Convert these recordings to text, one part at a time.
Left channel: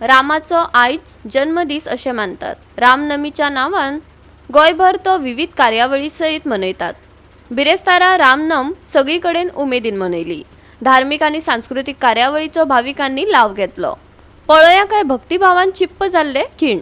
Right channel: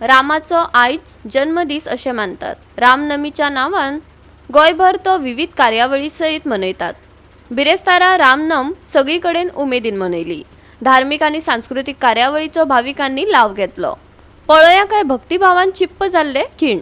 रामाचो आयज जन्मदीस अशें मानतात. रामनमीच्या नांवान गोंयभर तो विविध कार्यावळी सयत मनयतात. बिरेस्तारा रामनम सगळी कडेन उमेदीन मनयली. धार्मीक आनी सांस्कृतीक कार्यावळीचो भाविकांनी लाव घेतलो. पळया काय भक्तिभावान चिप्प जाल्ले खीण.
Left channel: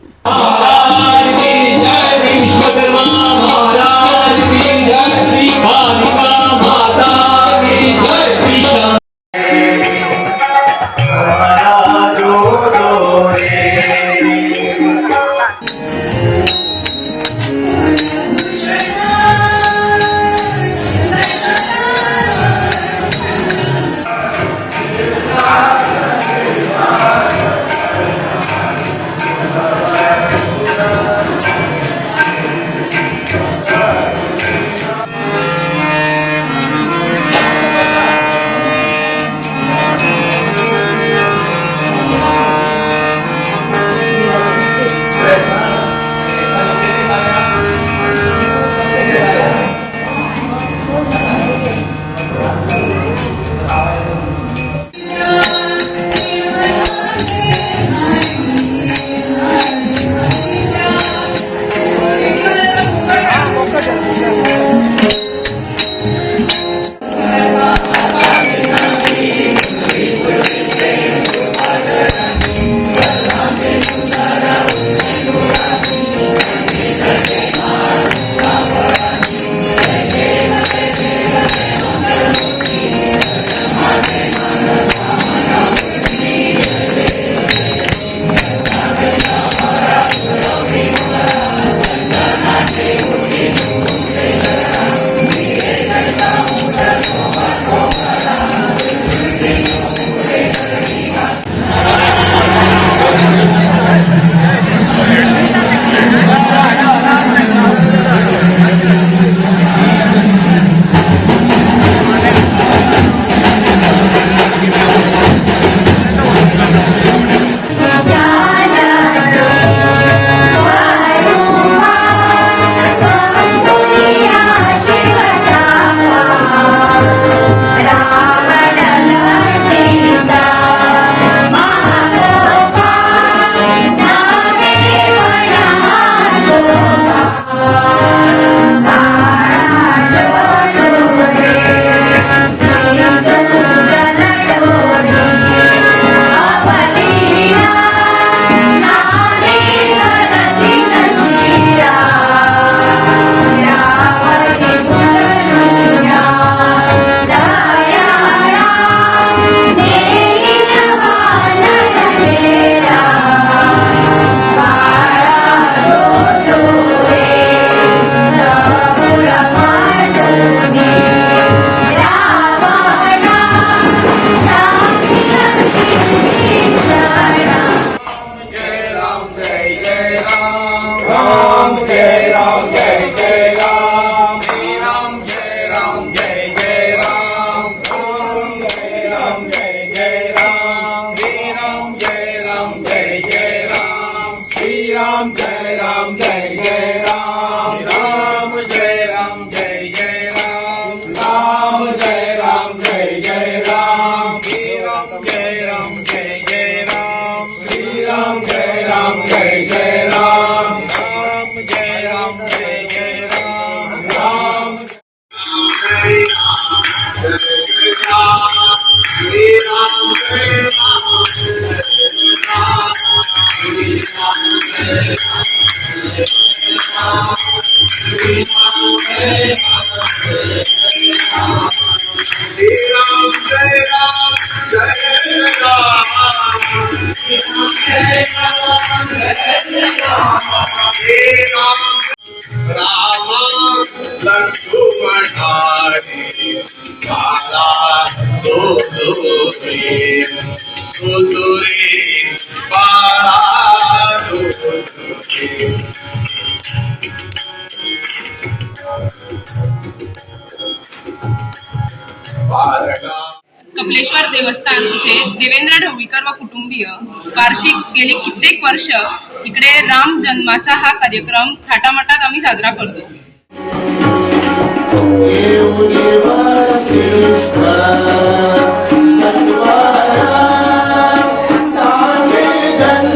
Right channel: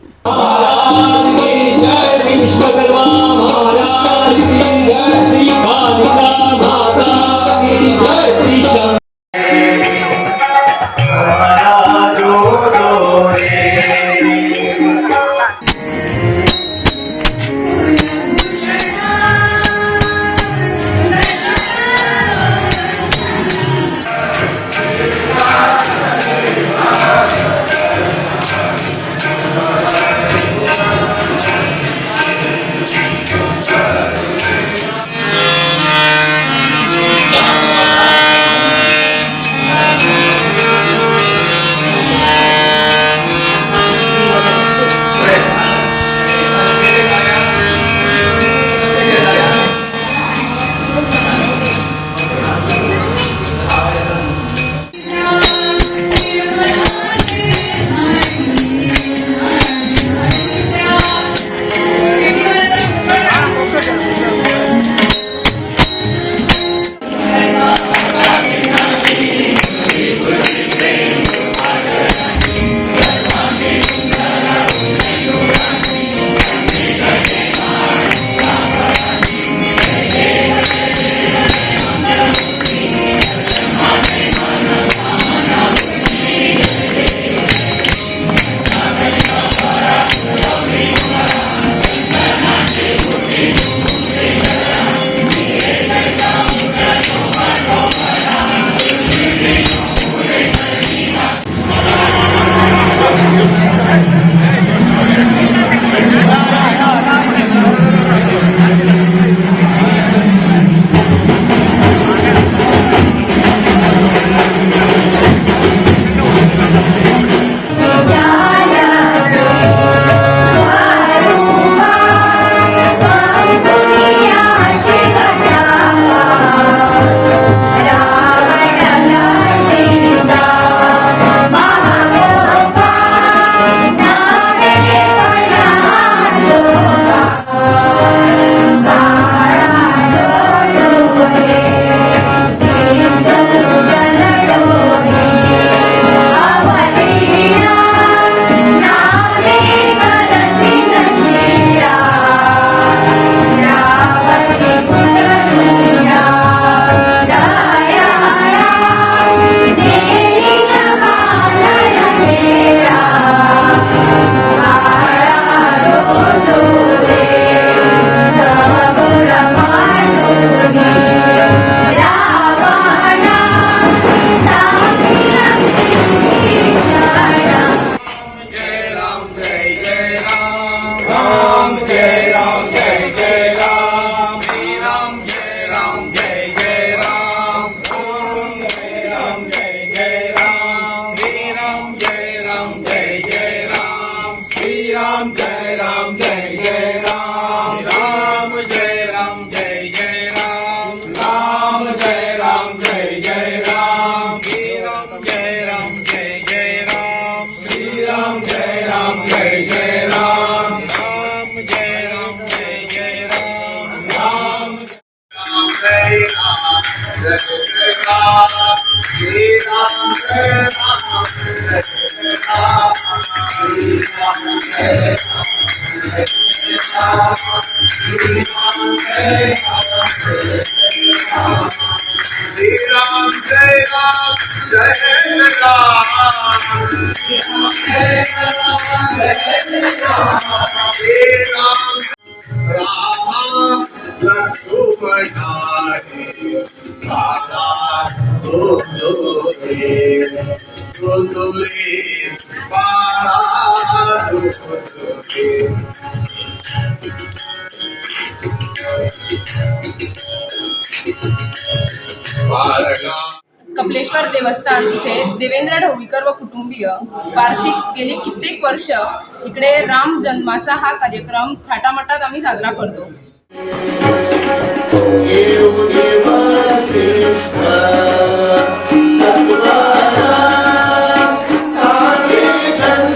कपिलेश्वर देवस्थान इथे देवेंद्र ढवळीकर व कुटुंबीय वार्षिक गेली कित्येक वर्ष इकडे राम जन्माचा हा कार्यक्रम थाटामाटात आम्ही साजरा करतो. सत्वरा सांगे जन्म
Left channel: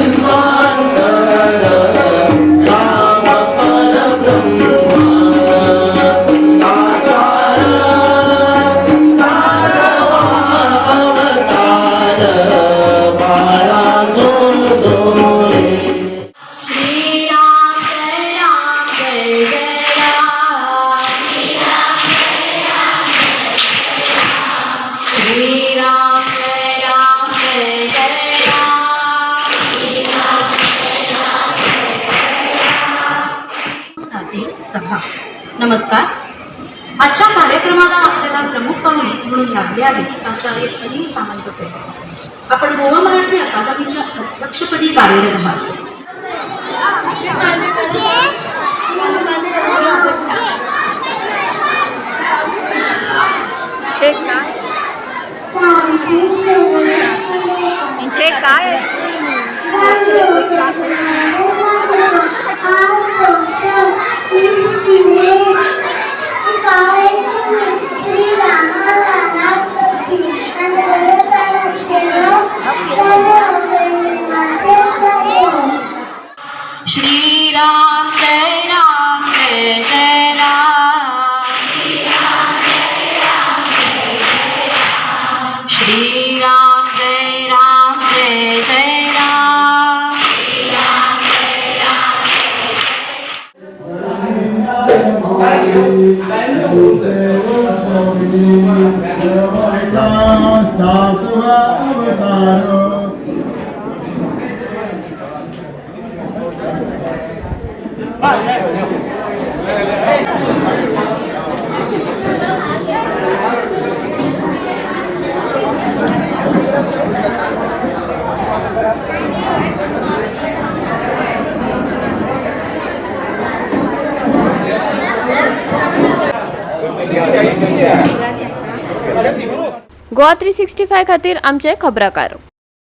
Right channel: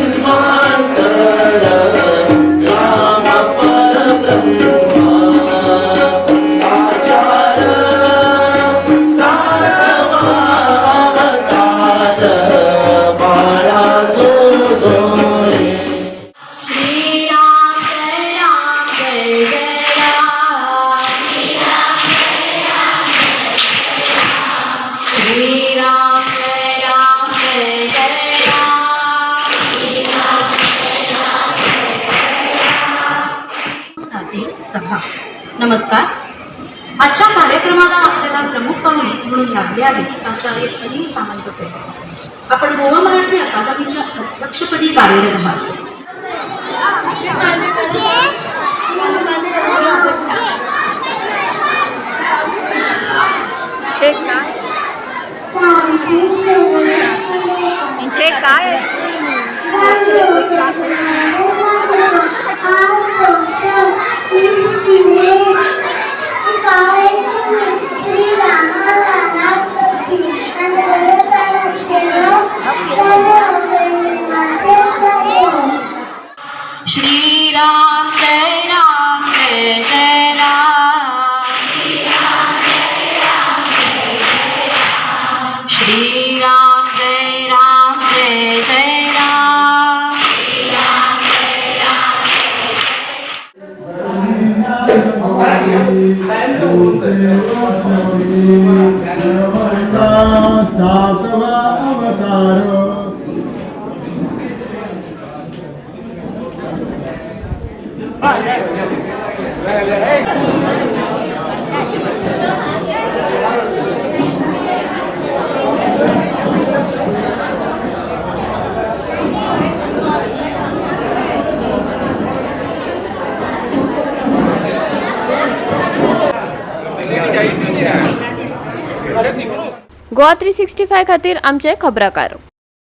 नमस्कार. आजच्या कार्यक्रमाला आपल्याला प्रमुख पाहुणे म्हणून लागले आहेत आचार्य अनिल सामंत साहेब. आपण गोवा मराठी अकादमीच्या अध्यक्षपदी कार्यरत आहात. हे काय श्रीराम जय राम जय जय राम. श्रीराम जय राम जय जय राम. सातवा अवतार गोवा 365 खातीर आमचे खबराकार.